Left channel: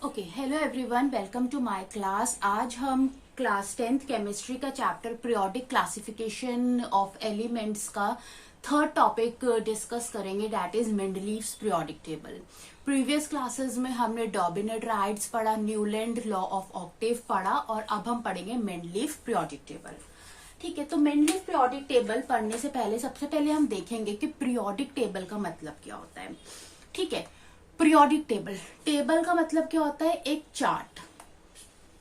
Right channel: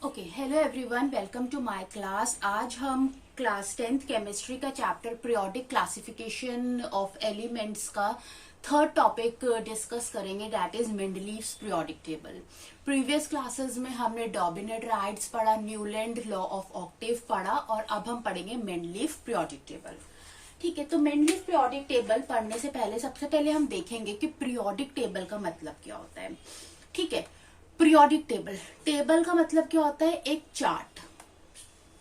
Okay, hello everyone, welcome to my class. आज हम class 10th chemistry का chapter periodic classification of elements का third topic discuss करेंगे, that is Mendeleev's periodic table. Previous classes में हमने डॉबिनेट-राइट्स पढ़ा, Newland law of Octave पढ़ा और अब हम पढ़ेंगे मेंडलीव पीरियोडिक टेबल। ठीक है, तो मेंडलीव पीरियोडिक टेबल पढ़ने से पहले सबसे पहले हम देखेंगे कि पीरियोडिक टेबल का मतलब क्या होता है। ठीक है, पीरियोडिक टेबल, टेबल का मतलब क्या होता है? एक चार्ट।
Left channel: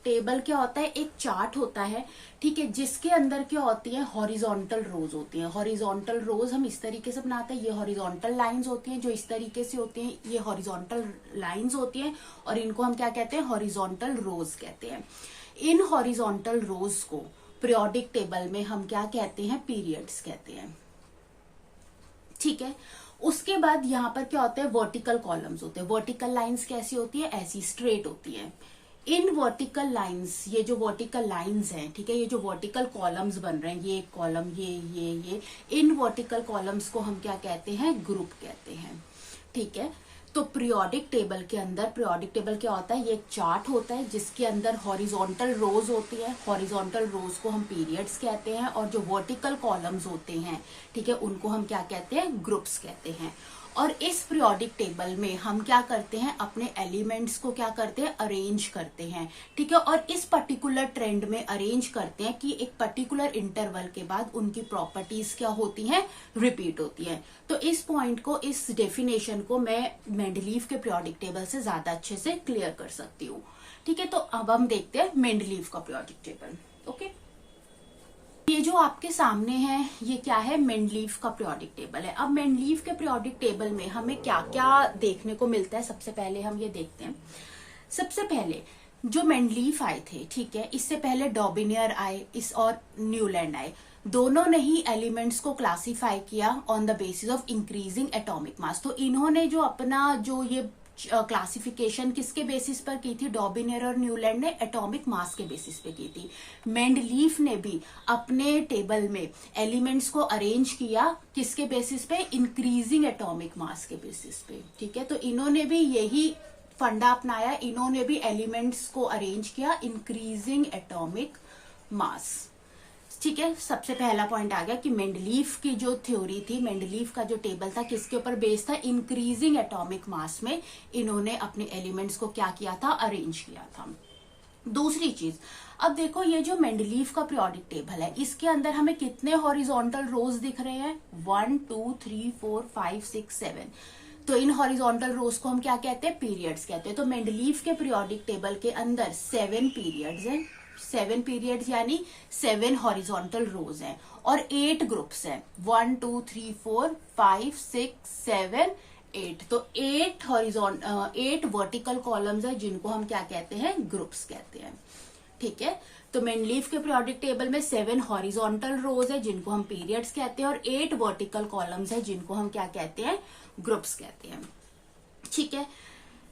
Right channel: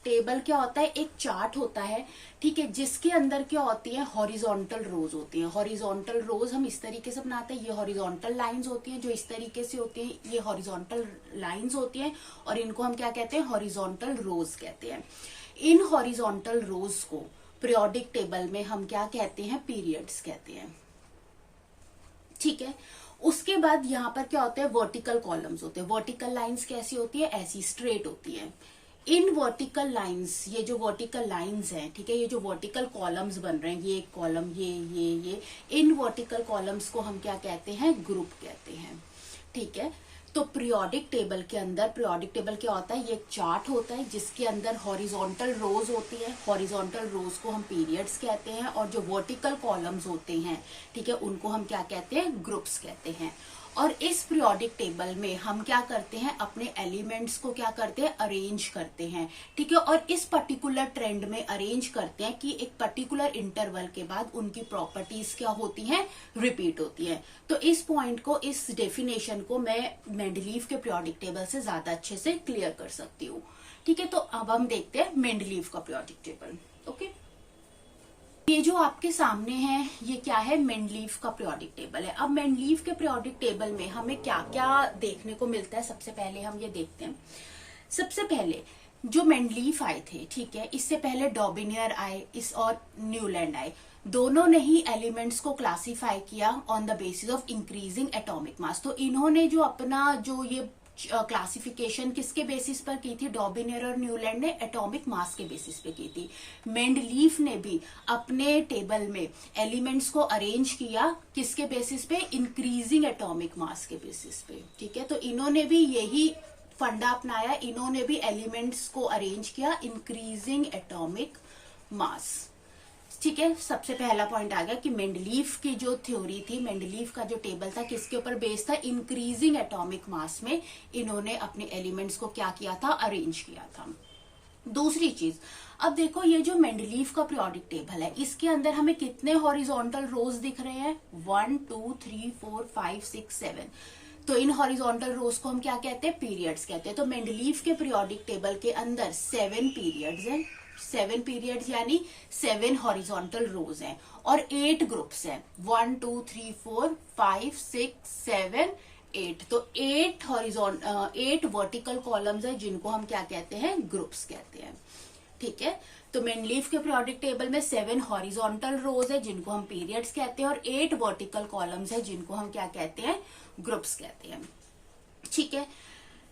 टेबल क्या होता है? एक चार्ट होता है, ठीक है, जिसके अंदर क्या होती है? हॉरिजॉन्टल रोज होती हैं। हॉरिजॉन्टल रोज हम इस तरीके से बनाते हैं, ये हॉरिजॉन्टल लाइंस होती हैं जो इस तरीके से होती हैं, ये हॉरिजॉन्टल लाइंस होती हैं और इनको हम क्या कहते हैं? हॉरिजॉन्टल रोज कहते हैं। इन हॉरिजॉन्टल रोज को पीरियोडिक टेबल में हम क्या कहते हैं? पीरियड्स कहते हैं। ठीक है, उसके बाद यहाँ पर क्या होता है? वर्टिकल कॉलम्स होते हैं। वर्टिकल लाइंस कैसी होती है? ऐसी स्ट्रेट होती है। इन वर्टिकल लाइंस, ये जो वर्टिकल लाइंस हैं, ठीक है, ये जो वर्टिकल कॉलम्स बन रहे हैं, ये एक कॉलम, ये इन वर्टिकल कॉलम्स को हम क्या कहते हैं? ग्रुप कहते हैं। ठीक है, तो पीरियोडिक टेबल के अंदर, पीरियोडिक टेबल क्या होता है? ये एक चार्ट होता है जिसके अंदर हॉरिजॉन्टल रोज होती है। हॉरिजॉन्टल रोज को हम पीरियड्स कहते हैं और जो वर्टिकल कॉलम्स होते हैं, ठीक है, उनको हम क्या कहते हैं? ग्रुप्स कहते हैं। और इस पीरियोडिक टेबल में हम क्या करते हैं? अपने एलिमेंट्स को क्या करते हैं? अरेंज करते हैं। ठीक है, और इस पर्टिकुलर ट्रेंड में अरेंज करते हैं कि एक पर्टिकुलर इंटरवल के बाद उनकी प्रॉपर्टीज क्या होती हैं? रिपीट होती हैं। तो इस पॉइंट को, इस डेफिनेशन को मैं मेंडलीव के पीरियोडिक टेबल से ज्यादा अच्छे से क्लियर कर सकती हूँ। ठीक है, तो अब हम देखते हैं मेंडलीव का पीरियोडिक टेबल। ओके, ये जो आपके सामने है, ये क्या है? मेंडलीव का पीरियोडिक टेबल है। अब मेंडलीव के पीरियोडिक टेबल में हमें क्या क्या देखने को मिलता है, सबसे पहले हम ये देखते हैं। सबसे पहले जो मेंडलीव आए थे, ठीक है, इससे पहले डॉबिनियर आए, इस और न्यूलैंड आए, दोनों ने ही एलिमेंट्स को क्लासिफाई किया on the basis of increasing atomic mass. तो इन्होंने जो अपना जो ये क्लासिफिकेशन किसके बेसिस पर की थी? डॉबिनियर और न्यूलैंड ने एटॉमिक मास के बेसिस पे की थी। मेंडलीव ने भी अपने टेबल में एलिमेंट्स को अरेंज किया किसके बेसिस पे? इंक्रीजिंग एटॉमिक मास के बेसिस पे। ठीक है, तो इन्होंने भी यही फंडा अपनाया, इन्होंने भी एलिमेंट्स को अरेंज किया इंक्रीजिंग एटॉमिक मास। ठीक है, सबसे पहला पॉइंट आ गया कि मेंडलीव की जो थ्योरी थी, मेंडलीव का जो टेबल था, किसके ऊपर बेस्ड था? इंक्रीजिंग एटॉमिक मास में इन्होंने अपने एलिमेंट्स को क्या किया था? अरेंज किया था। दूसरी चीज, अब देखो, ये जो मेंडलीव का पीरियोडिक टेबल है, इसके अंदर हमें कितने हॉरिजॉन्टल रोज दिख रहे हैं? 1 2 3 4 5 6 7। तो इन हॉरिजॉन्टल रोज को हम क्या कहते हैं? पीरियड्स कहते हैं। तो मेंडलीव के पीरियोडिक टेबल के अंदर 7 पीरियड्स हैं। 7 पीरियड्स यानी 7 हॉरिजॉन्टल रोज हैं और 8 ग्रुप्स हैं। 1 2 3 4 5 6 7 8। तो 8 वर्टिकल कॉलम्स है जिनको हम क्या कहते हैं? ग्रुप्स कहते हैं। ठीक है, तो मेंडलीव के पीरियोडिक टेबल में 7 हॉरिजॉन्टल रोज है जिनको हम पीरियड्स कहते हैं और 8 वर्टिकल कॉलम्स है जिनको हम क्या कहते हैं? ग्रुप्स कहते हैं। ठीक है,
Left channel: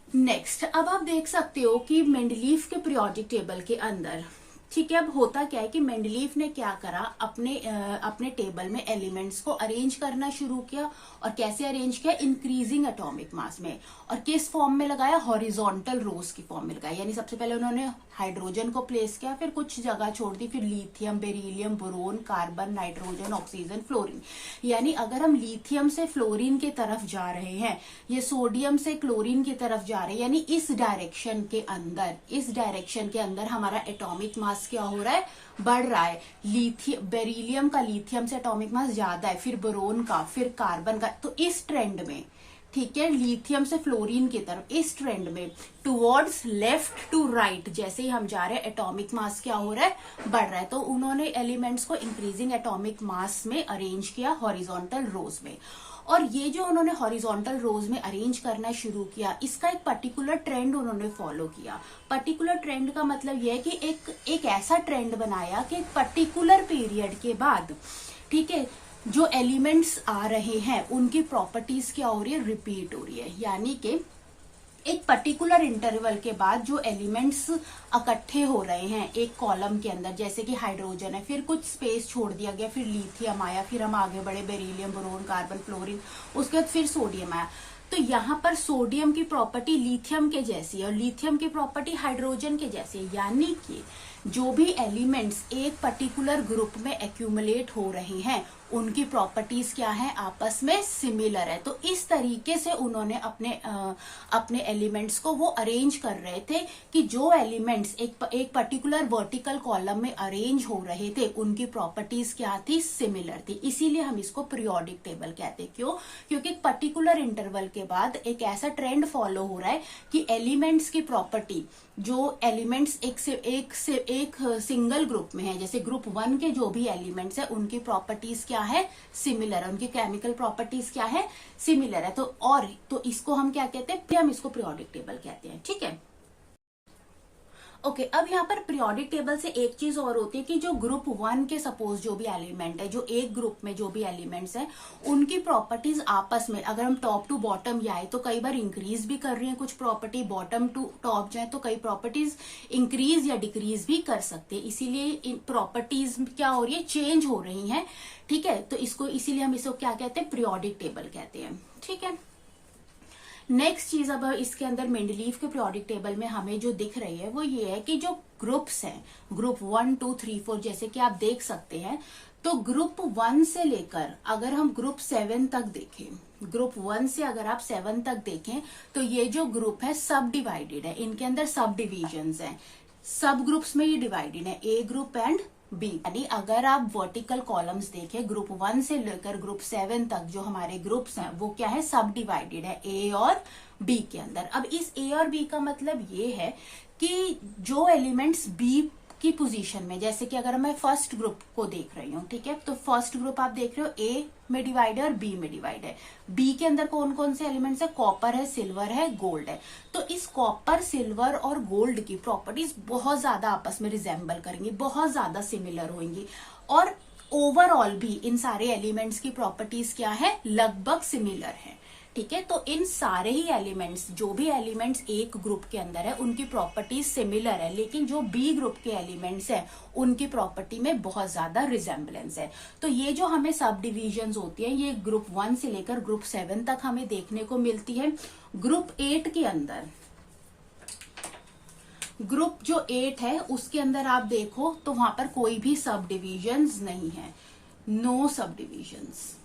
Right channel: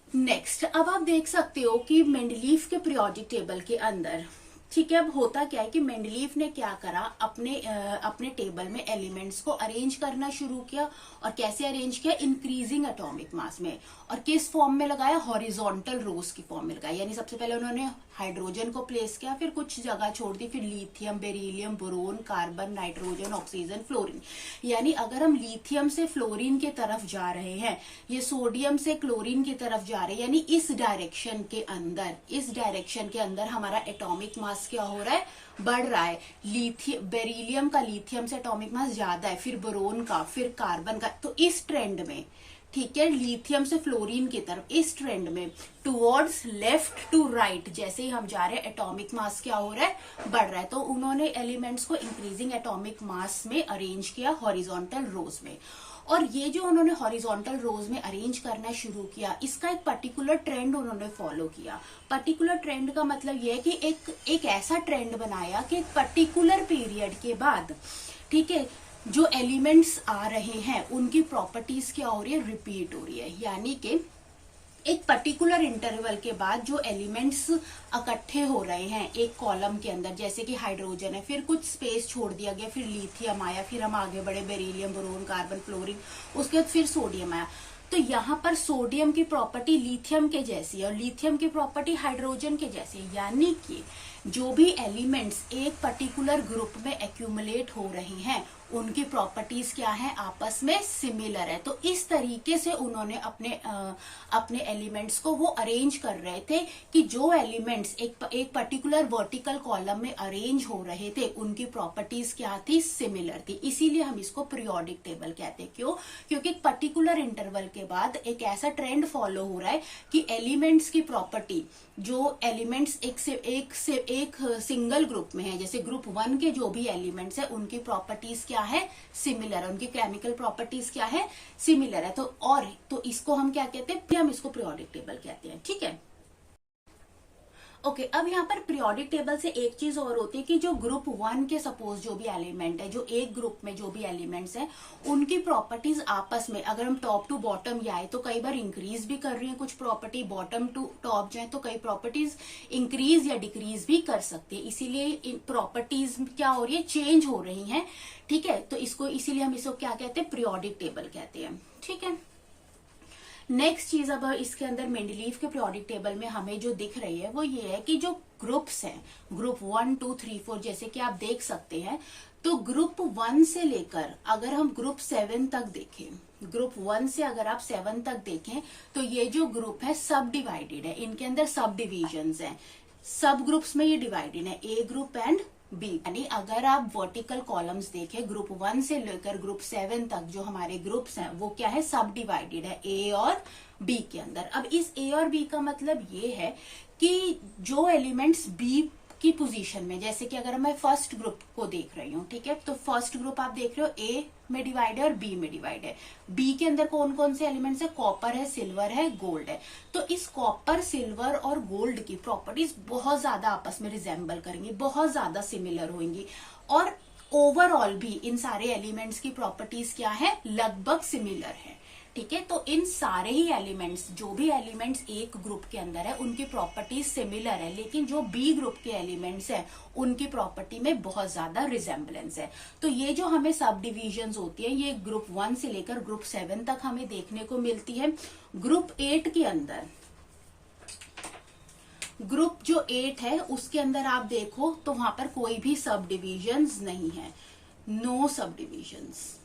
नेक्स्ट, अब आप देख सकते हो कि मेंडलीव के पीरियोडिक टेबल के अंदर, ठीक है, अब होता क्या है कि मेंडलीव ने क्या करा? अपने टेबल में एलिमेंट्स को अरेंज करना शुरू किया। और कैसे अरेंज किया? इंक्रीजिंग एटॉमिक मास में। और किस फॉर्म में लगाया? हॉरिजॉन्टल रोज की फॉर्म में लगाया। यानी सबसे पहले उन्होंने हाइड्रोजन को प्लेस किया, फिर कुछ जगह छोड़ दी, फिर lithium, beryllium, boron, carbon, nitrogen, oxygen, fluorine. यानी अगर हम लिथियम से फ्लोरीन की तरफ जा रहे हैं, ये सोडियम से क्लोरीन की तरफ जा रहे हैं, यानी इस डायरेक्शन के अंदर हमारा एटॉमिक मास क्या हो रहा है? बढ़ रहा है। बेरिलियम का लिथियम से एटॉमिक मास ज्यादा है, फिर बोरोन का, फिर कार्बन का। तो इस ट्रेंड में, ठीक है, लिथियम से फ्लोरीन की तरफ, इस ट्रेंड में टुवर्ड्स लेफ्ट टू राइट जैसे ही हम जा रहे हैं, एटॉमिक मास क्या हो रहा है? बढ़ रहा है। तो उन्होंने एलिमेंट्स को इंक्रीजिंग एटॉमिक मास में अरेंज किया हॉरिजॉन्टल रोज में। और ये जो उन्होंने हॉरिजॉन्टल रोज में अरेंज करना शुरू किया, इसका एक पर्टिकुलर ट्रेंड उन्होंने फॉलो किया। पर्टिकुलर ट्रेंड का मतलब यह है कि एक ऐसा ट्रेंड बनाया कि एक पर्टिकुलर पीरियड के बाद, ठीक है, जो एलिमेंट्स आ रहे हैं उनकी प्रॉपर्टीज क्या हो रही है? रिपीट हो रही है। यानी कि एक पर्टिकुलर इंटरवल के बाद जो एलिमेंट्स इकट्ठे हो रहे हैं एक कॉलम के अंदर, जैसे कि हाइड्रोजन है, फिर कुछ स्पेस छोड़ दिया गया, फिर लिथियम आया, फिर हम आगे बढ़े, बेरिलियम, बोरोन, कार्बन, फ्लोरीन, उसके बाद फिर सोडियम आया। तो यहाँ पर सोडियम की प्रॉपर्टी लिथियम के जैसी है और लिथियम की प्रॉपर्टी हाइड्रोजन के जैसी है, यानी कि जो भी एलिमेंट्स एक पर्टिकुलर ग्रुप में एक्यूमुलेट हो रहे हैं उनकी प्रॉपर्टीज क्या है, आपस में सिमिलर है। तो इस तरीके से उन्होंने अपने एलिमेंट्स को वो अरेंज कर रहे थे कि जो एलिमेंट्स एक पर्टिकुलर वर्टिकल कॉलम में अरेंज हो रहे थे उनकी प्रॉपर्टीज क्या थी, सिमिलर थी। इसीलिए हम इसको पीरियोडिक टेबल कहते हैं। क्यों? क्योंकि एक पर्टिकुलर इंटरवल के बाद एक ऐसा ट्रेंड फॉलो हो रहा है कि एलिमेंट्स की प्रॉपर्टी, जो एलिमेंट्स एक सिंगल ग्रुप में है, जैसे ग्रुप 1 के जो भी एलिमेंट्स है उनकी प्रॉपर्टीज क्या है, सिमिलर है, उनकी केमिकल प्रॉपर्टीज क्या है, सिमिलर है। तो इसको हम क्या कहते हैं, हम इसको पीरियोडिक टेबल कहते हैं। ठीक है, ओके। अब यहाँ पर पीरियोडिक टेबल से एक चीज और होती है कि जो ग्रुप 1 के सपोज जो भी एलिमेंट है, जो एक ग्रुप में जो भी एलिमेंट्स हैं उनकी प्रॉपर्टीज आपस में अगर हम टॉप टू बॉटम जाए तो कई बार इंक्रीज भी कर रही हैं कुछ प्रॉपर्टी, बॉटम टू टॉप जाए तो कई प्रॉपर्टीज इंक्रीज या डिक्रीज भी कर सकते हैं। इसीलिए प्रॉपर्टीज क्या हो रही है, चेंज हो रही है। ठीक है, तो इसीलिए हम इसको क्या कहते हैं, पीरियोडिक टेबल कहते हैं। ठीक है, नेक्स्ट चीज अब इसके अंदर मेंडलीव के पीरियोडिक टेबल में हमें जो दिख रही है वो ये है कि जो ग्रुप्स हैं, ग्रुप 1, 2, 3, 4 जैसे कि आप देख सकते हैं, तो ग्रुप 1 से लेकर अगर हम ग्रुप 7 तक देखें, ग्रुप 1 से अगर आप 7 तक देखें तो ये जो ग्रुप है सब डिवाइडेड है, इनके अंदर सब डिविजन्स हैं, सब ग्रुप्स में ये डिवाइडेड है, ए ग्रुप एंड बी। यानी अगर आप वर्टिकल कॉलम्स देखें ग्रुप 1 से लेकर ग्रुप 7 तक जो हमारे ग्रुप्स हैं वो क्या है, सब डिवाइडेड है ए और बी के अंदर। अब इस ए और बी का मतलब ये है कि जो एलिमेंट्स बी की पोजीशन में, जैसे कि अगर मैं फर्स्ट ग्रुप को देख रही हूँ, ठीक है, तो फर्स्ट ग्रुप आप देख रहे हो ए में डिवाइड है और बी में डिवाइड है। बी के अंदर कौन कौन से एलिमेंट्स है, कॉपर है, सिल्वर है, गोल्ड है। तो इस कॉपर, सिल्वर और गोल्ड की प्रॉपर्टीज बहुत ज्यादा आपस में रिजेंबल करेंगी, बहुत ज्यादा सिमिलर होंगी और ओवरऑल भी इन सारे एलिमेंट्स की प्रॉपर्टीज क्या है, लगभग सिमिलर है। ठीक है, तो इन सारे ही एलिमेंट्स, जो भी एलिमेंट्स एक ग्रुप के अंदर है उनकी प्रॉपर्टी सिमिलर है, लेकिन जो बी ग्रुप के एलिमेंट्स हैं उनकी प्रॉपर्टी में बहुत ज्यादा रिजेंबलेंस है। तो ये जो हमें सब डिविजन्स होती है ये ग्रुप 1 से लेकर ग्रुप 7 तक हमें देखने को मिलती है। ग्रुप 8 के अंदर, ग्रुप जो 8 है उसके अंदर आप देखो तो वहां पर कोई भी सब डिविजन्स नहीं है, नो सब डिविजन्स।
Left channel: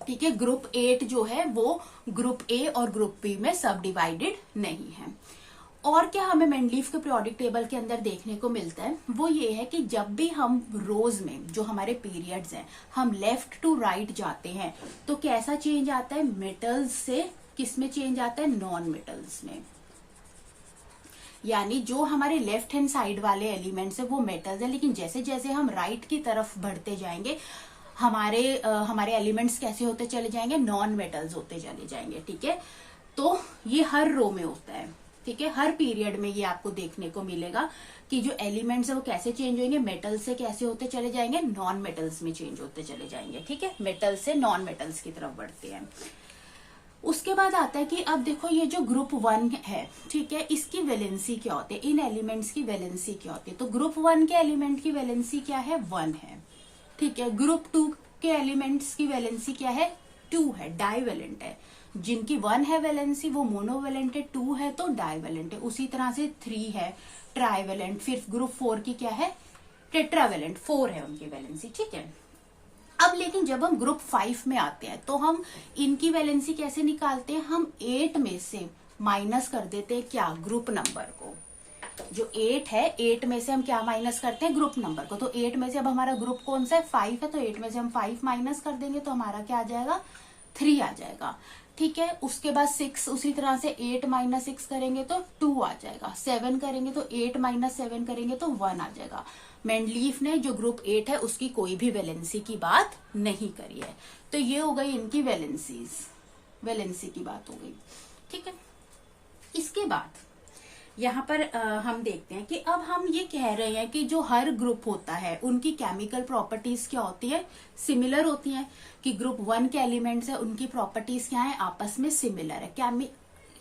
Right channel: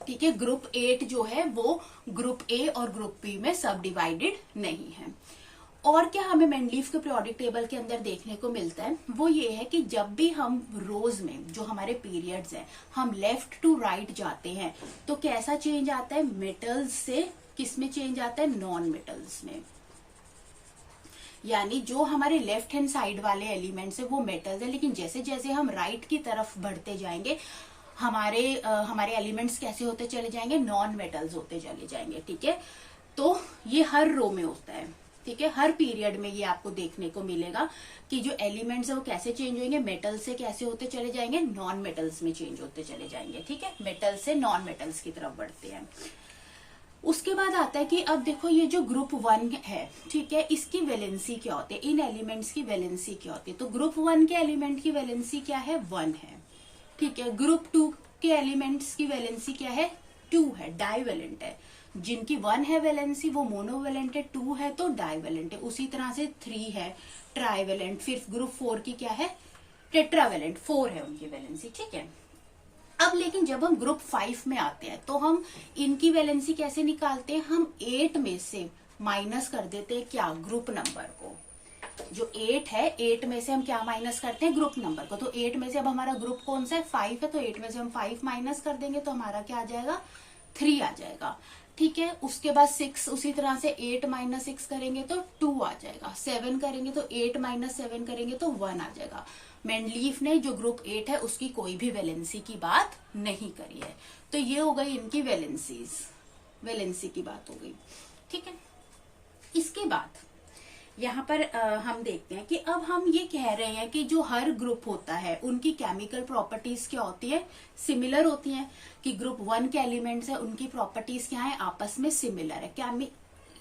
ठीक है, ग्रुप 8 जो है वो ग्रुप ए और ग्रुप बी में सब डिवाइडेड नहीं है। और क्या हमें मेंडलीव के पीरियोडिक टेबल के अंदर देखने को मिलता है वो ये है कि जब भी हम रोज में जो हमारे पीरियड्स हैं हम लेफ्ट टू राइट जाते हैं तो कैसा चेंज आता है, मेटल्स से किस में चेंज आता है, नॉन मेटल्स में। यानी जो हमारे लेफ्ट हैंड साइड वाले एलिमेंट्स है वो मेटल्स है, लेकिन जैसे जैसे हम राइट की तरफ बढ़ते जाएंगे हमारे एलिमेंट्स कैसे होते चले जाएंगे, नॉन मेटल्स होते चले जाएंगे। ठीक है, तो ये हर रो में होता है। ठीक है, हर पीरियड में ये आपको देखने को मिलेगा कि जो एलिमेंट्स है वो कैसे चेंज होंगे, मेटल से कैसे होते चले जाएंगे, नॉन मेटल्स में चेंज होते चले जाएंगे। ठीक है, मेटल से नॉन मेटल्स की तरफ बढ़ते हैं। उसके बाद आता है कि अब देखो ये जो ग्रुप 1 है, ठीक है, इसकी वैलेंसी क्या होती है, इन एलिमेंट्स की वैलेंसी क्या होती है। तो ग्रुप 1 के एलिमेंट की वैलेंसी क्या है, 1 है। ठीक है, ग्रुप 2 के एलिमेंट्स की वैलेंसी क्या है, 2 है, डाइवेलेंट है। जिनकी 1 है वैलेंसी वो मोनोवेलेंट है, 2 है तो डाइवेलेंट है। उसी तरह से 3 है ट्राइवेलेंट, फिर ग्रुप 4 की क्या है, टेट्रावेलेंट, 4 है उनकी वैलेंसी। ठीक है, अब लेकिन जब हम ग्रुप 5 में आते हैं तो हम इनकी वैलेंसी कैसे निकालते हैं, हम 8 में से माइनस कर देते हैं क्या, ग्रुप नंबर को। जो 8 है 8 में से हम क्या माइनस करते हैं, ग्रुप नंबर को। तो 8 में से अब हमारा ग्रुप कौन सा है, 5 है, तो 8 में से हम 5 माइनस कर देंगे तो हमारा क्या आ जाएगा, 3 आ जाएगा। ठीक है, उसके बाद 6, उसी तरह से 8 माइनस 6 करेंगे तो 2 आ जाएगा। 7 करेंगे तो 8 माइनस 7 करेंगे तो 1 आ जाएगा। मेंडलीव ने जो ग्रुप 8 है उसकी कोई भी वैलेंसी की बात नहीं करी है। तो ये हो गई इनकी वैलेंसी की बात हो गई। ठीक है, इसके बाद यहाँ पर हम देखते हैं कि अब हम ये कह रहे हैं कि जो हर ग्रुप होता है उनकी केमिकल प्रॉपर्टीज क्या होती है, सिमिलर होती हैं। कि ग्रुप 1 के एलिमेंट्स है उनकी प्रॉपर्टीज क्या है, आपस में सिमिलर है।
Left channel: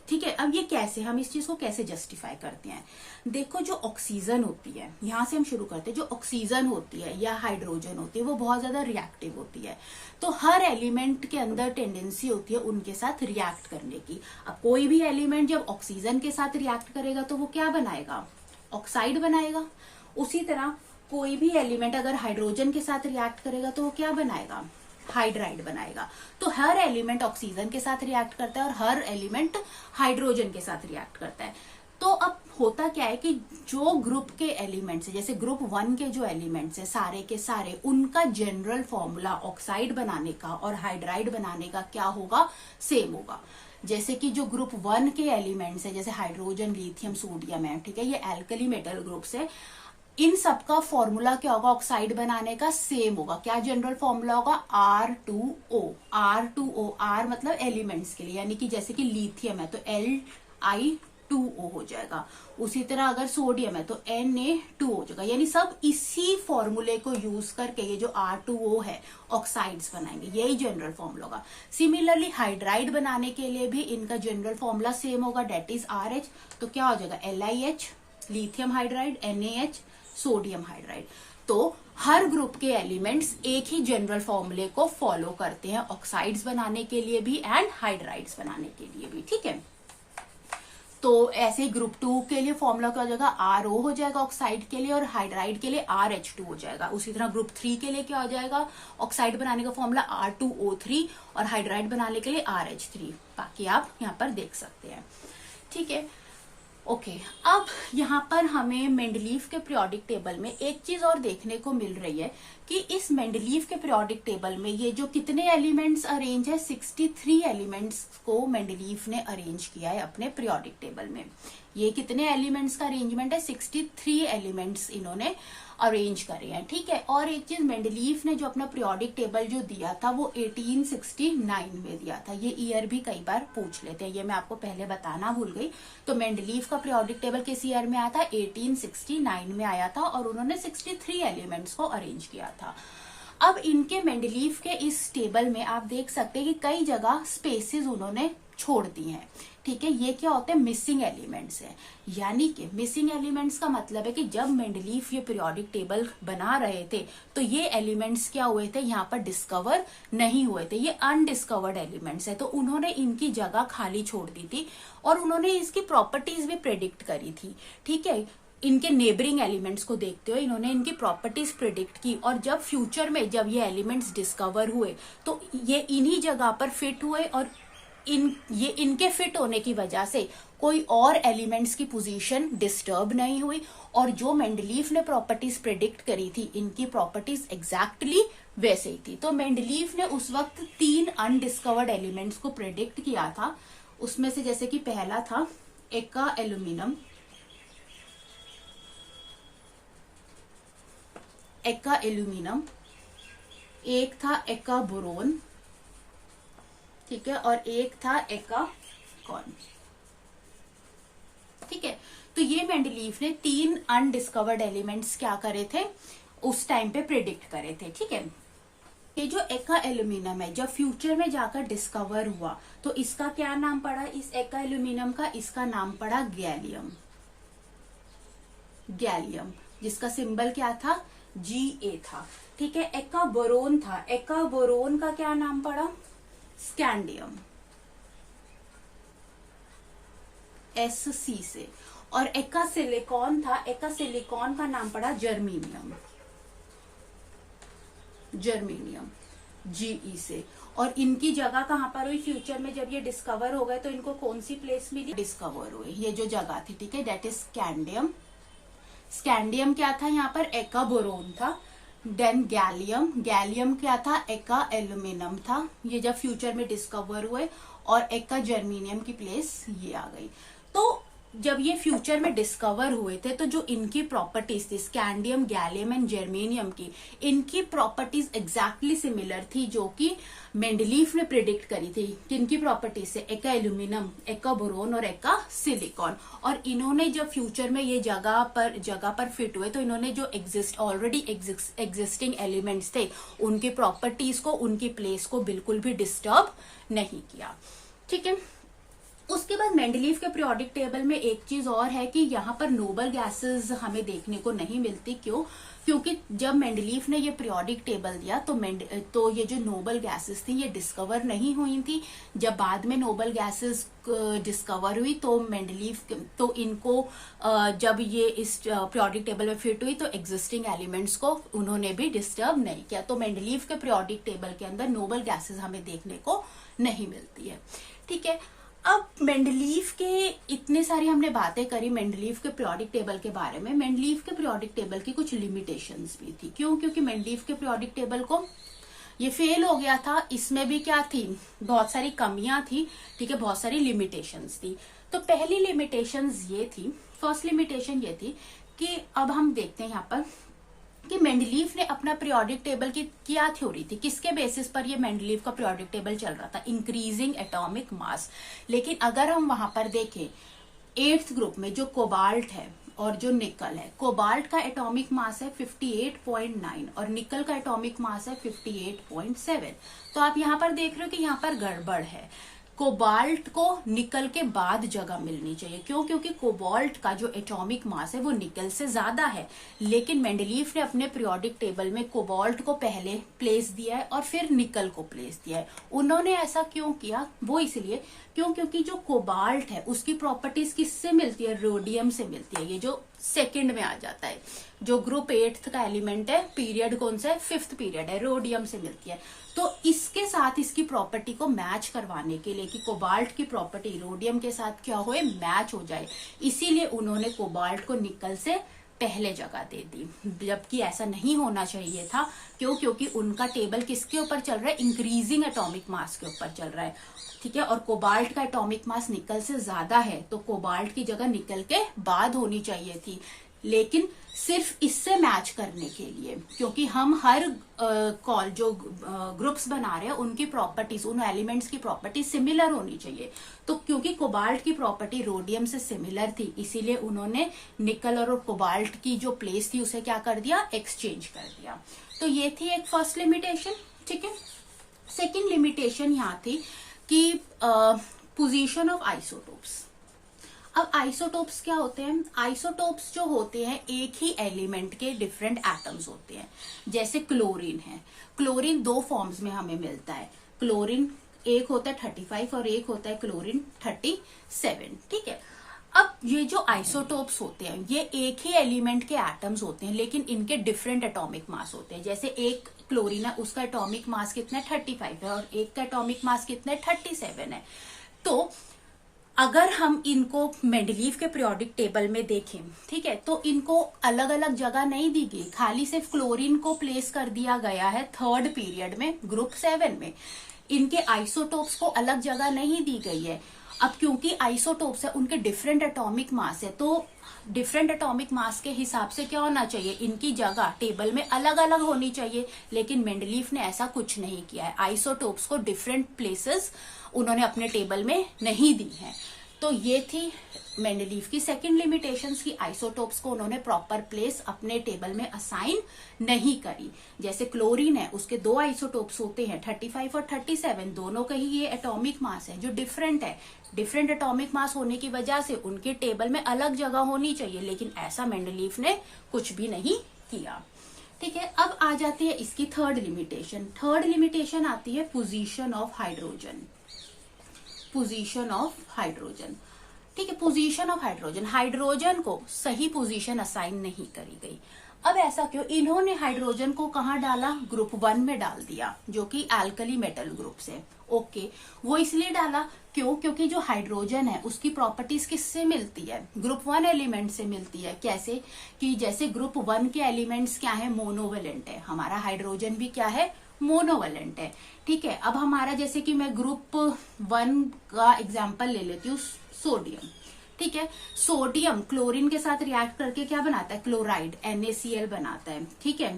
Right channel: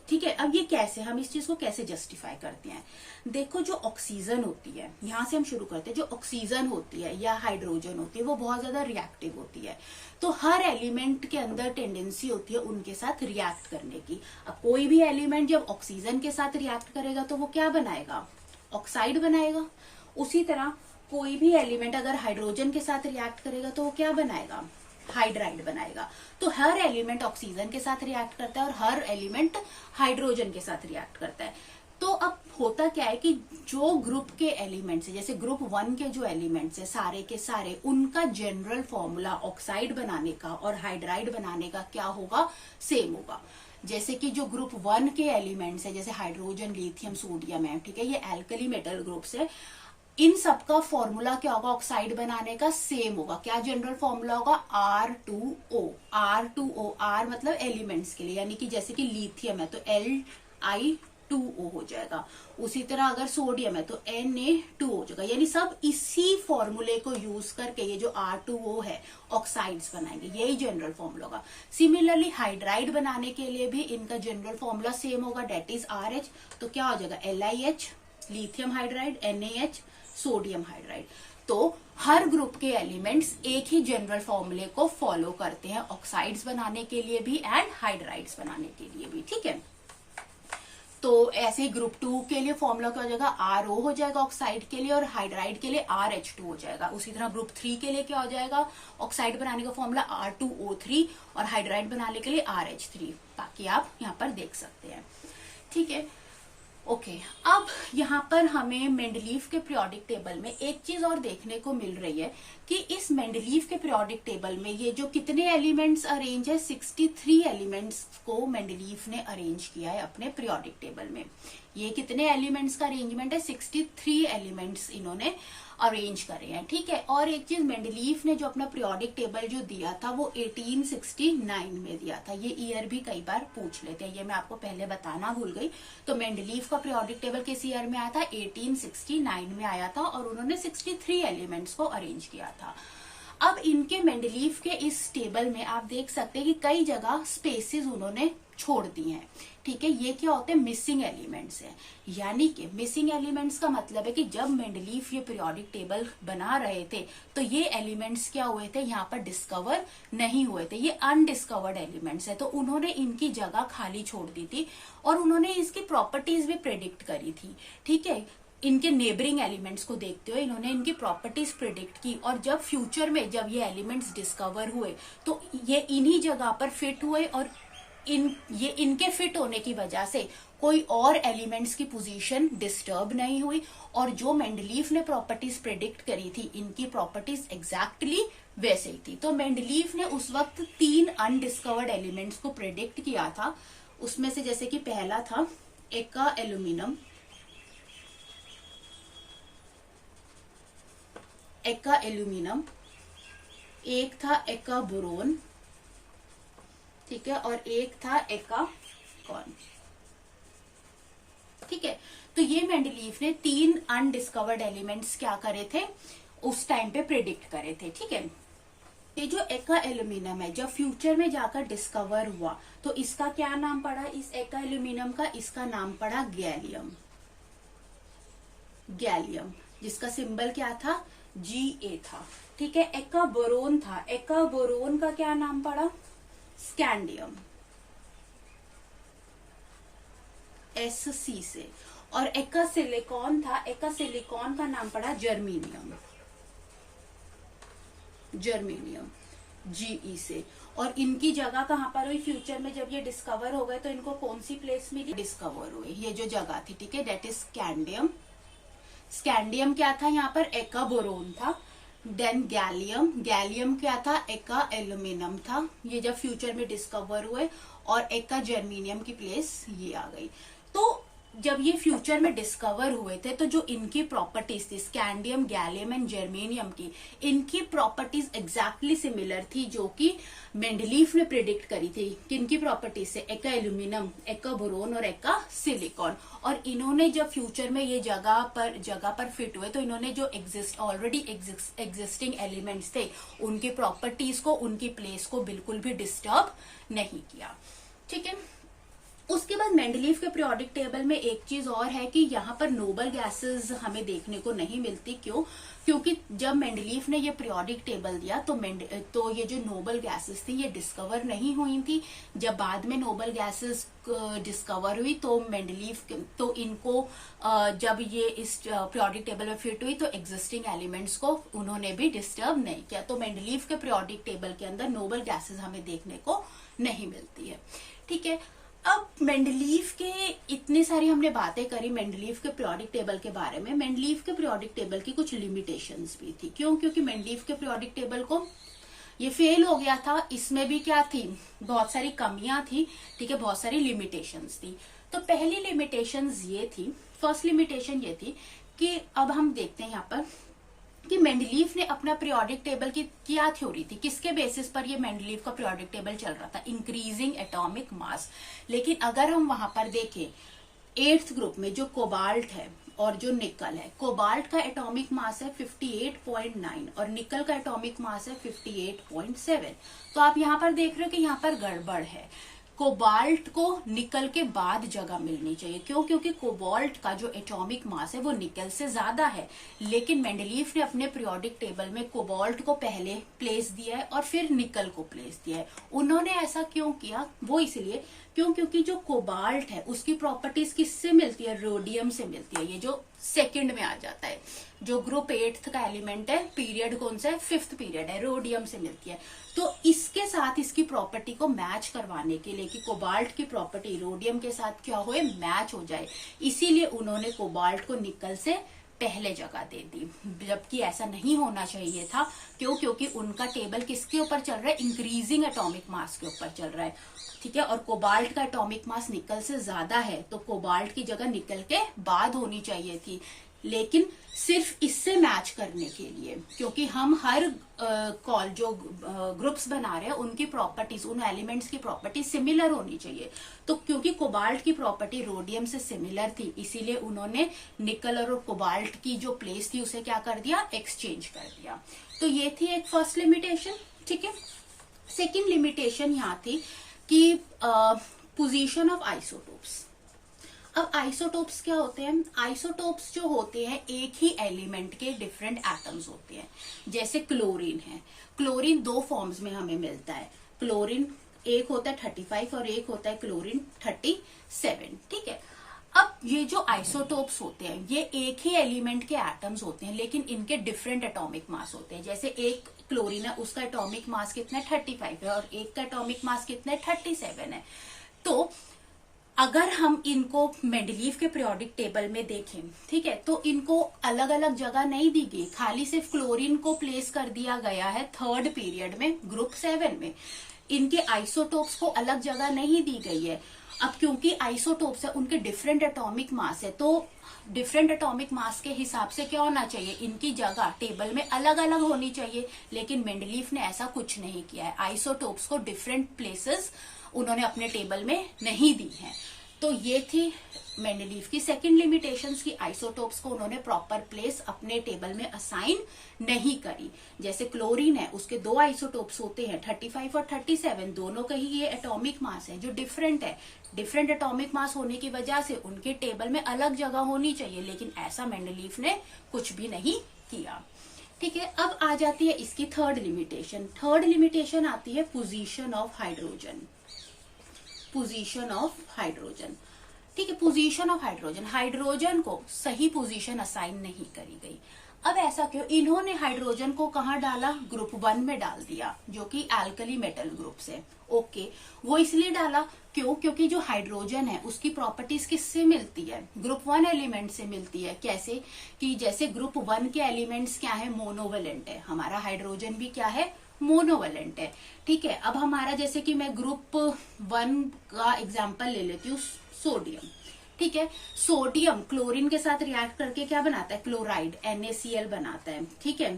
ठीक है, अब ये कैसे, हम इस चीज को कैसे जस्टिफाई करते हैं? देखो, जो ऑक्सीजन होती है, यहां से हम शुरू करते हैं, जो ऑक्सीजन होती है या हाइड्रोजन होती है वो बहुत ज्यादा रिएक्टिव होती है। तो हर एलिमेंट के अंदर टेंडेंसी होती है उनके साथ रिएक्ट करने की। अब कोई भी एलिमेंट जब ऑक्सीजन के साथ रिएक्ट करेगा तो वो क्या बनाएगा? ऑक्साइड बनाएगा। उसी तरह कोई भी एलिमेंट अगर हाइड्रोजन के साथ रिएक्ट करेगा तो वो क्या बनाएगा? हाइड्राइड बनाएगा। तो हर एलिमेंट ऑक्सीजन के साथ रिएक्ट करता है और हर एलिमेंट हाइड्रोजन के साथ रिएक्ट करता है। तो अब होता क्या है कि जो ग्रुप के एलिमेंट्स है, जैसे ग्रुप 1 के जो एलिमेंट्स है सारे के सारे, उनका जनरल फॉर्मूला ऑक्साइड बनाने का और हाइड्राइड बनाने का क्या होगा? सेम होगा। जैसे कि जो ग्रुप 1 के एलिमेंट्स है, जैसे हाइड्रोजन, लिथियम, सोडियम है, ठीक है, ये एल्कली मेटल ग्रुप्स है। इन सबका फॉर्मूला क्या होगा? ऑक्साइड बनाने का सेम होगा। क्या जनरल फॉर्मूला होगा? R2O। R2O, R मतलब एलिमेंट्स के लिए, यानी कि जैसे कि लिथियम है तो Li2O हो जाएगा। उसी तरह अगर सोडियम है तो Na2 हो जाएगा। यानी सब इसी फॉर्मूले को यूज करके ये जो R2O है ऑक्साइड्स बनाएंगे, यही जनरल फॉर्मूला होगा। सिमिलरली हाइड्राइड बनाने के लिए भी इनका जनरल फॉर्मूला सेम होगा, डेट इज RH। तो क्या हो जाएगा? LiH, lithium hydride, NaH, sodium hydride. तो हर ग्रुप के एलिमेंट्स एक ही जनरल फॉर्मूले को फॉलो करते हैं, ऑक्साइड्स बनाने के लिए भी एंड हाइड्राइड्स बनाने के लिए भी, ठीक है। तो ऐसे ग्रुप 2 के लिए फॉर्मूला क्या हो जाएगा? RO हो जाएगा ऑक्साइड के लिए, और हाइड्राइड के लिए RH2 हो जाएगा। उसी तरह ग्रुप 3 के लिए क्या हो जाएगा? ऑक्साइड बनाने का फॉर्मूला R2O3 और हाइड्राइड बनाने के लिए RH3। बाकी आप यहाँ पर देख सकते हैं, ठीक है। ओके, अब यहाँ पर हमें मेंडलीव के पीरियोडिक टेबल में एक चीज और देखने को मिल रही है कि इस मेंडलीव के पीरियोडिक टेबल में ये जो कितने एलिमेंट्स अरेंज है, 63 एलिमेंट्स को मेंडलीव ने अरेंज किया है अपने पीरियोडिक टेबल में। ये कितने एलिमेंट्स का अरेंजमेंट है? 63 एलिमेंट्स इन्होंने अरेंज करे हैं, ठीक है। और एक चीज, मेंडलीव ने जो अपना पीरियोडिक टेबल जो दिया था वो 1869 में दिया था। ये ईयर भी कई बार पूछ लेते हैं, ये मैं आपको पहले बताना भूल गई। तो मेंडलीव का पीरियोडिक टेबल किस ईयर में आया था? 1869 में आया था, और उन्होंने 63 एलिमेंट्स को अरेंज किया था। अब इनके मेंडलीव के इस टेबल में आप देख सकते हैं कि कई जगह स्पेसेस उन्होंने छोड़ दी हैं, ठीक है। ये क्या होते हैं? मिसिंग एलिमेंट्स हैं। यानी कि मिसिंग एलिमेंट्स का मतलब है कि जब मेंडलीव ये पीरियोडिक टेबल बना रहे थे तो ये एलिमेंट्स क्या हुए थे? यहाँ पर डिस्कवर नहीं हुए थे, ये अनडिस्कवर्ड एलिमेंट्स है। तो उन्होंने इनकी जगह खाली छोड़ दी थी और उन्होंने इसकी प्रॉपर्टीज भी प्रेडिक्ट करी थी, ठीक है। इनके नेबरिंग एलिमेंट्स को देखते हुए इन्होंने इनकी प्रॉपर्टीज प्रिडिक्ट की, और जब फ्यूचर में जब ये एलिमेंट्स डिस्कवर हुए तो ये इन्हीं जगह पर फिट हुए, और इनके फिट होने की वजह से कोई और एलिमेंट्स की पोजीशन डिस्टर्ब नहीं हुई, और जो मेंडलीव ने प्रॉपर्टीज प्रेडिक्ट करी थी इनकी प्रॉपर्टीज एग्जैक्टली वैसे ही थी। तो मेंडलीव ने उस वक्त 3 अनडिस्कवर्ड एलिमेंट्स को प्रेडिक्ट किया था। उसमें से जैसे कि पहला था एक्का एल्यूमिनियम, एक था एक्का बोरोन, ठीक है, और एक था एक्का कॉर्न, ठीक है। तो ये मेंडलीव ने 3 अनडिस्कवर्ड एलिमेंट्स क्या करे थे? उस टाइम पे प्रिडिक्ट करे थे, ठीक है। ये जो एक्का एल्यूमिनियम है जब फ्यूचर में जाकर डिस्कवर हुआ तो इसका क्या नाम पड़ा? इस एक्का एल्यूमिनियम का इसका नाम पड़ा गैलियम, जिसका सिंबल क्या था? Ga था, ठीक है। एक्का बोरोन था, एक्का बोरोन का क्या नाम पड़ा? स्कैंडियम, SC से। और एक्का सिलिकॉन था, एक्का सिलिकॉन का नाम पड़ा जर्मेनियम, GE से। और इनकी जगह कहां पर हुई? फ्यूचर में जब ये डिस्कवर हो गए तो इनको कौन सी प्लेस मिली? डिस्कवर हुए, ये जो जगह थी, ठीक है, डेट इज स्कैंडियम। स्कैंडियम क्या था? यहाँ पर एक्का बोरोन था। देन गैलियम क्या था? एक्का एल्यूमिनियम था। ये जब फ्यूचर में डिस्कवर हुए, और एक्का जर्मेनियम की प्लेस ये आ गई। तो जब ये फ्यूचर में डिस्कवर हुए थे तो जो इनकी प्रॉपर्टीज थी, स्कैंडियम, गैलियम एंड जर्मेनियम की, इनकी प्रॉपर्टीज एग्जैक्टली सिमिलर थी जो कि मेंडलीव ने प्रिडिक्ट करी थी। किनकी प्रॉपर्टीज से? एक्का एल्यूमिनियम, एक्का बोरोन और एक्का सिलिकॉन। और इन्होंने जब फ्यूचर में ये जगह पर फिट हुए तो इन्होंने जो ऑलरेडी एग्जिस्टिंग एलिमेंट्स थे उनकी प्रॉपर्टीज को, उनकी प्लेस को बिल्कुल भी डिस्टर्ब नहीं किया, ठीक है। उसके बाद मेंडलीव के पीरियोडिक टेबल में एक चीज और है कि यहाँ पर नोबल गैसेस हमें देखने को नहीं मिलती। क्यों? क्योंकि जब मेंडलीव ने ये पीरियोडिक टेबल दिया तो ये जो नोबल गैसेस थी ये डिस्कवर नहीं हुई थी। जब बाद में नोबल गैसेस डिस्कवर हुई तो मेंडलीव तो इनको जब ये इस पीरियोडिक टेबल में फिट हुई तो एग्जिस्टिंग एलिमेंट्स को उन्होंने भी डिस्टर्ब नहीं किया। तो मेंडलीव के पीरियोडिक टेबल के अंदर नोबल गैसेस हमें देखने को नहीं मिलती है। ठीक है, अब मेंडलीव के इतनी सारी हमने बातें करी मेंडलीव के पीरियोडिक टेबल के बारे में। मेंडलीव के पीरियोडिक टेबल की कुछ लिमिटेशंस भी थी। क्यों? क्योंकि मेंडलीव के पीरियोडिक टेबल को ये फेल हो गया था। इसमें भी क्या थी? बहुत सारी कमियां थी। ठीक है, बहुत सारी लिमिटेशंस थी। तो पहली लिमिटेशंस ये थी, फर्स्ट लिमिटेशन ये थी कि अब हम देखते हैं यहाँ पर कि मेंडलीव ने अपना पीरियोडिक टेबल की क्या थ्योरी थी, किसके बेसिस पर ये मेंडलीव का पीरियोडिक टेबल चल रहा था? Increasing atomic mass. लेकिन अगर हम वहां पर देखें 8th ग्रुप में जो कोबाल्ट है और जो निकल है, कोबाल्ट का एटॉमिक मास है 58.9 और निकल का एटॉमिक मास है 58.7। तो आप यहाँ पर देख रहे हो कि यहाँ पर गड़बड़ है। कोबाल्ट को निकल के बाद जगह मिलनी चाहिए। क्यों? क्योंकि कोबाल्ट का जो एटॉमिक मास है वो निकल से ज्यादा है। लेकिन मेंडलीव ने अपने पीरियोडिक टेबल में कोबाल्ट को पहले प्लेस दिया है और फिर निकल को प्लेस दिया है। उन्होंने ऐसा क्यों किया? वो इसलिए क्योंकि जो कोबाल्ट है उसकी प्रॉपर्टीज किससे मिलती है? रोडियम से मिलती है। ये जो सेकंड में आ जाता है, जो ग्रुप 8th का एलिमेंट है, पीरियड कौन सा है? 5th पीरियड है, रोडियम से मिलती है। तो इसके साथ इसकी प्रॉपर्टी को मैच करवाने के लिए कि कोबाल्ट की प्रॉपर्टी रोडियम के साथ क्या हो, मैच हो जाए, इसीलिए उन्होंने कोबाल्ट को निकल से पहले जगह दे दी। जबकि ऐसा नहीं होना चाहिए था। क्यों? क्योंकि उनका टेबल किसके ऊपर चल रहा है? इंक्रीजिंग एटॉमिक मास के ऊपर चल रहा है। ठीक है, और कोबाल्ट का एटॉमिक मास निकल से ज्यादा है तो कोबाल्ट की जगह निकल के बाद होनी चाहिए थी। लेकिन सिर्फ इससे मैच करने के लिए, क्योंकि हम हर जो ग्रुप्स बना रहे हैं उनकी प्रॉपर्टीज, उन एलिमेंट्स की प्रॉपर्टी सिमिलर होनी चाहिए। तो क्योंकि कोबाल्ट की प्रॉपर्टी रोडियम से सिमिलर थी, इसीलिए उन्होंने निकल और कोबाल्ट की जो प्लेस थी उसे क्या कर दिया? एक्सचेंज कर दिया। तो ये थी एक फर्स्ट लिमिटेशन। ठीक है, सेकेंड लिमिटेशन यहाँ थी कि पोजीशन ऑफ आइसोटोप्स। अब आइसोटोप्स क्या होते हैं? आइसोटोप्स जो होते हैं एक ही एलिमेंट के डिफरेंट एटम्स होते हैं। जैसे क्लोरीन है, क्लोरीन 2 फॉर्म्स में हमें मिलता है। क्लोरीन एक होता है 35 और एक होता है क्लोरीन 37। ठीक है, अब ये जो आइसोटोप्स होते हैं ये एक ही एलिमेंट के एटम्स होते हैं, लेकिन इनके डिफरेंट एटॉमिक मास होते हैं। जैसे एक क्लोरीन है, उसका एटॉमिक मास कितना है? 35 है, और एक का एटॉमिक मास कितना है? 37 है। तो अगर हम इनको मेंडलीव के पीरियोडिक टेबल में देखें, ठीक है, तो इनको अलग अलग जगह नहीं दी गई, खाली सिर्फ क्लोरीन को प्लेस कर दिया गया है 3rd पीरियड में, ग्रुप 7 में। इनके आइसोटोप्स को अलग जगह नहीं दी गई है। अब क्योंकि आइसोटोप्स है, उनके डिफरेंट एटॉमिक मास है, तो डिफरेंट एटॉमिक मास के हिसाब से क्या होना चाहिए? इनकी जगह टेबल में अलग अलग होनी चाहिए। लेकिन मेंडलीव ने ऐसा कुछ नहीं किया है। आइसोटोप्स को डिफरेंट प्लेसेस उन्होंने अपने टेबल में नहीं दी है। तो ये थी मेंडलीव की सेकंड लिमिटेशंस की आइसोटोप्स को उन्होंने प्रॉपर प्लेस अपने टेबल में असाइन नहीं करी। जैसे क्लोरीन है, उसके 2 आइसोटोप्स होते हैं 35 और 37, दोनों का ही ये एटॉमिक मास है जो डिफरेंट है। डिफरेंट एटॉमिक मास होने की वजह से उनके टेबल में अलग जगह होनी चाहिए, लेकिन ऐसा मेंडलीव ने कुछ भी नहीं किया। ठीक है, अब आ जाती है इसकी थर्ड लिमिटेशन। थर्ड लिमिटेशन आती है position of hydrogen. Position of hydrogen, ठीक है, पोजीशन ऑफ हाइड्रोजन, हाइड्रोजन को सही पोजीशन असाइन नहीं करी गई। अब ऐसा क्यों? इन्होंने हाइड्रोजन को कहाँ डाला? ग्रुप 1 में डाल दिया, जो कि एल्कली मेटल ग्रुप से। ओके, वो इसलिए डाला क्यों? क्योंकि जो हाइड्रोजन है उसकी प्रॉपर्टीज किससे मिलती है? ग्रुप 1 एलिमेंट से मिलती है। कैसे? कि जैसे ग्रुप 1 के एलिमेंट्स क्या है? मोनोवेलेंट है। हमारा हाइड्रोजन भी क्या है? मोनोवेलेंट है। ठीक है, अब हमारा जैसे कि मैं ग्रुप 1 का एग्जाम्पल ले लेती हूँ, सोडियम। ठीक है, सोडियम क्लोरीन के साथ रिएक्ट करके क्या बनाता है? क्लोराइड, NaCl बनाता है। ठीक है,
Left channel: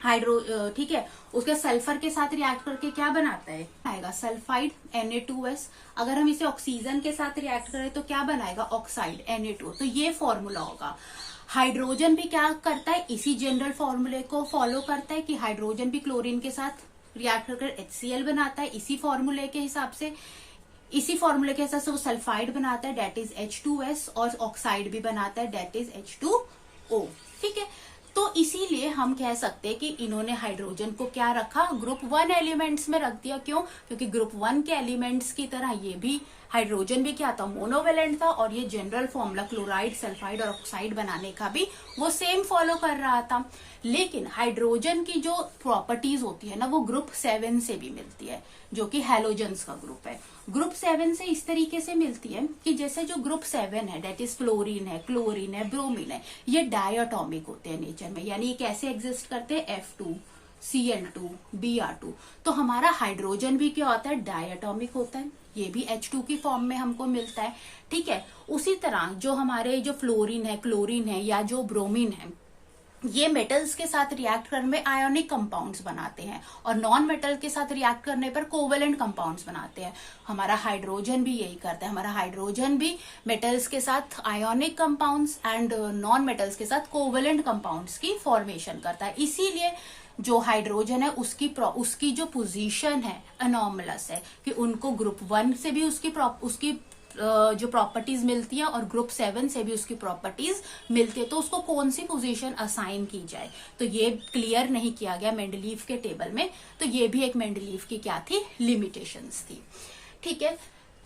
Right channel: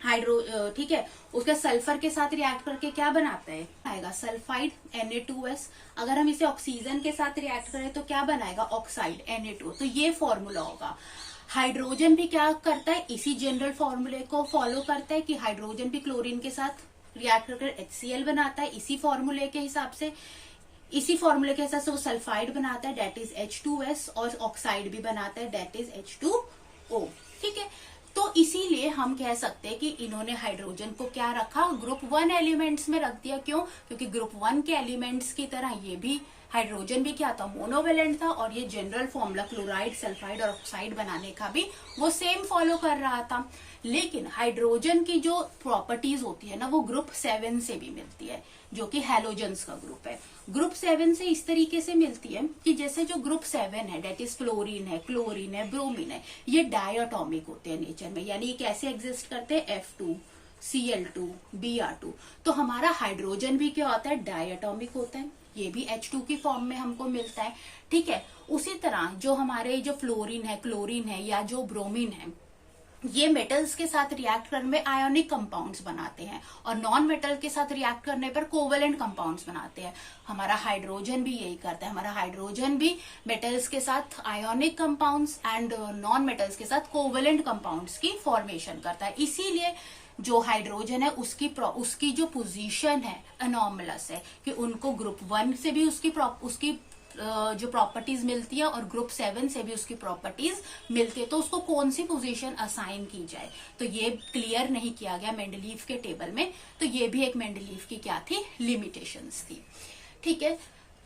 ठीक है, उसके सल्फर के साथ रिएक्ट करके क्या बनाता है? आएगा सल्फाइड, Na2S। अगर हम इसे ऑक्सीजन के साथ रिएक्ट करें तो क्या बनाएगा? Oxide, Na2। तो ये फॉर्मूला होगा। हाइड्रोजन भी क्या करता है? इसी जनरल फॉर्मूले को फॉलो करता है कि हाइड्रोजन भी क्लोरीन के साथ रिएक्ट कर HCl बनाता है, इसी फॉर्मूले के हिसाब से। इसी फॉर्मूले के हिसाब से वो सल्फाइड बनाता है, डेट इज H2S, और ऑक्साइड भी बनाता है, डेट इज H2O। ठीक है, तो इसीलिए हम कह सकते हैं कि इन्होंने हाइड्रोजन को क्या रखा, ग्रुप 1 एलिमेंट्स में रख दिया। क्यों? क्योंकि ग्रुप 1 के एलिमेंट्स की तरह ये भी हाइड्रोजन भी क्या था, मोनोवेलेंट था, और ये जनरल फॉर्मूला क्लोराइड, सल्फाइड और ऑक्साइड बनाने का भी वो सेम फॉलो कर रहा था। लेकिन हाइड्रोजन की जो प्रॉपर्टीज होती है ना, वो ग्रुप 7 से भी मिलती है, जो कि हैलोजेंस का ग्रुप है। ग्रुप 7 से इस तरीके से मिलती है कि जैसे जो ग्रुप 7 है, डेट इज फ्लोरीन है, क्लोरीन है, ब्रोमीन है, ये डायटोमिक होते हैं नेचर में, यानी ये कैसे एग्जिस्ट करते हैं, F2 Cl2 Br2। तो हमारा हाइड्रोजन भी क्या होता है, डायटोमिक होता है, ये भी H2 की फॉर्म में हमको मिलता है। ठीक है, उसी तरह जो हमारे जो फ्लोरीन है, क्लोरीन है, या जो ब्रोमीन है, ये मेटल्स के साथ रिएक्ट करने में आयोनिक कंपाउंड्स बनाते हैं, और नॉन मेटल के साथ रिएक्ट करने पर कोवेलेंट कंपाउंड्स बनाते हैं। हमारा हाइड्रोजन भी यही करता है, हमारा हाइड्रोजन भी मेटल्स के साथ ionic compounds and non metals के साथ कोवेलेंट कंपाउंड्स की फॉर्मेशन करता है। इसीलिए जो हाइड्रोजन है उसकी जो पोजीशन है अनॉमलस है, कि उनको ग्रुप 1 से भी उसकी जो प्रॉपर्टीज मिलती है, और ग्रुप 7 से भी उसकी प्रॉपर्टीज मिलती है। तो उसको कौन सी पोजीशन असाइन की जाए, तो ये क्लियर नहीं किया गया मेंडलीव के टेबल में। तो ये भी एक मेंडलीव की क्या थी, लिमिटेशंस थी। ठीक है,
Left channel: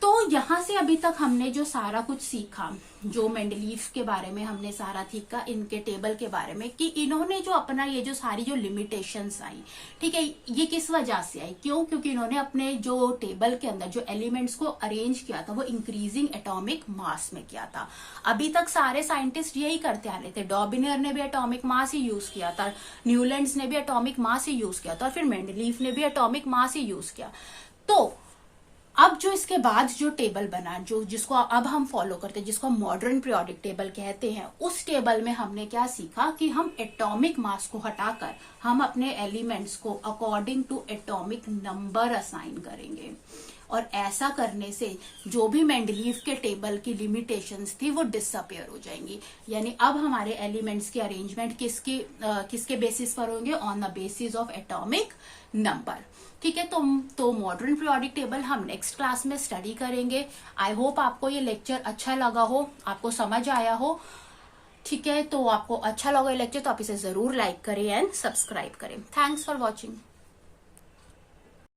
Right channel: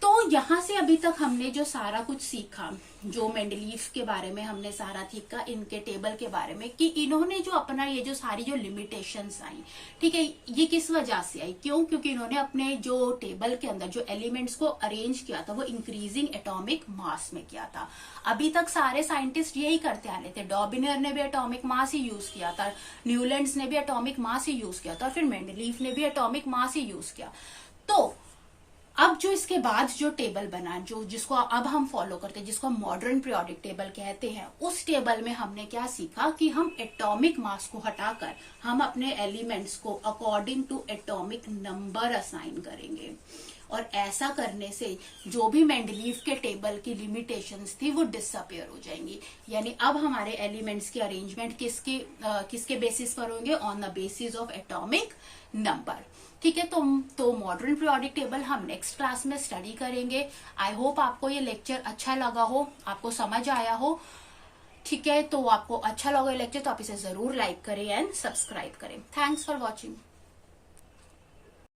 तो यहां से अभी तक हमने जो सारा कुछ सीखा, जो मेंडलीव के बारे में हमने सारा सीखा, इनके टेबल के बारे में, कि इन्होंने जो अपना ये जो सारी जो लिमिटेशंस आई, ठीक है, ये किस वजह से आई, क्यों? क्योंकि इन्होंने अपने जो टेबल के अंदर जो एलिमेंट्स को अरेंज किया था, वो इंक्रीजिंग एटॉमिक मास में किया था। अभी तक सारे साइंटिस्ट यही करते आ रहे थे। डॉबिनियर ने भी एटॉमिक मास ही यूज किया था, न्यूलैंड्स ने भी एटॉमिक मास ही यूज किया था, फिर मेंडलीव ने भी एटॉमिक मास ही यूज किया। तो अब जो इसके बाद जो टेबल बना, जिसको अब हम फॉलो करते हैं, जिसको मॉडर्न पीरियोडिक टेबल कहते हैं, उस टेबल में हमने क्या सीखा कि हम एटॉमिक मास को हटाकर हम अपने एलिमेंट्स को according to atomic number assign करेंगे। और ऐसा करने से जो भी मेंडलीव के टेबल की लिमिटेशंस थी वो डिसअपियर हो जाएंगी। यानी अब हमारे एलिमेंट्स की अरेंजमेंट किसके बेसिस पर होंगे, on the basis of atomic number. ठीक है, तो मॉडर्न पीरियोडिक टेबल हम नेक्स्ट क्लास में स्टडी करेंगे। आई होप आपको ये लेक्चर अच्छा लगा हो, आपको समझ आया हो। ठीक है, तो आपको अच्छा लगा ये लेक्चर तो आप इसे जरूर लाइक करें एंड सब्सक्राइब करें। Thanks for watching.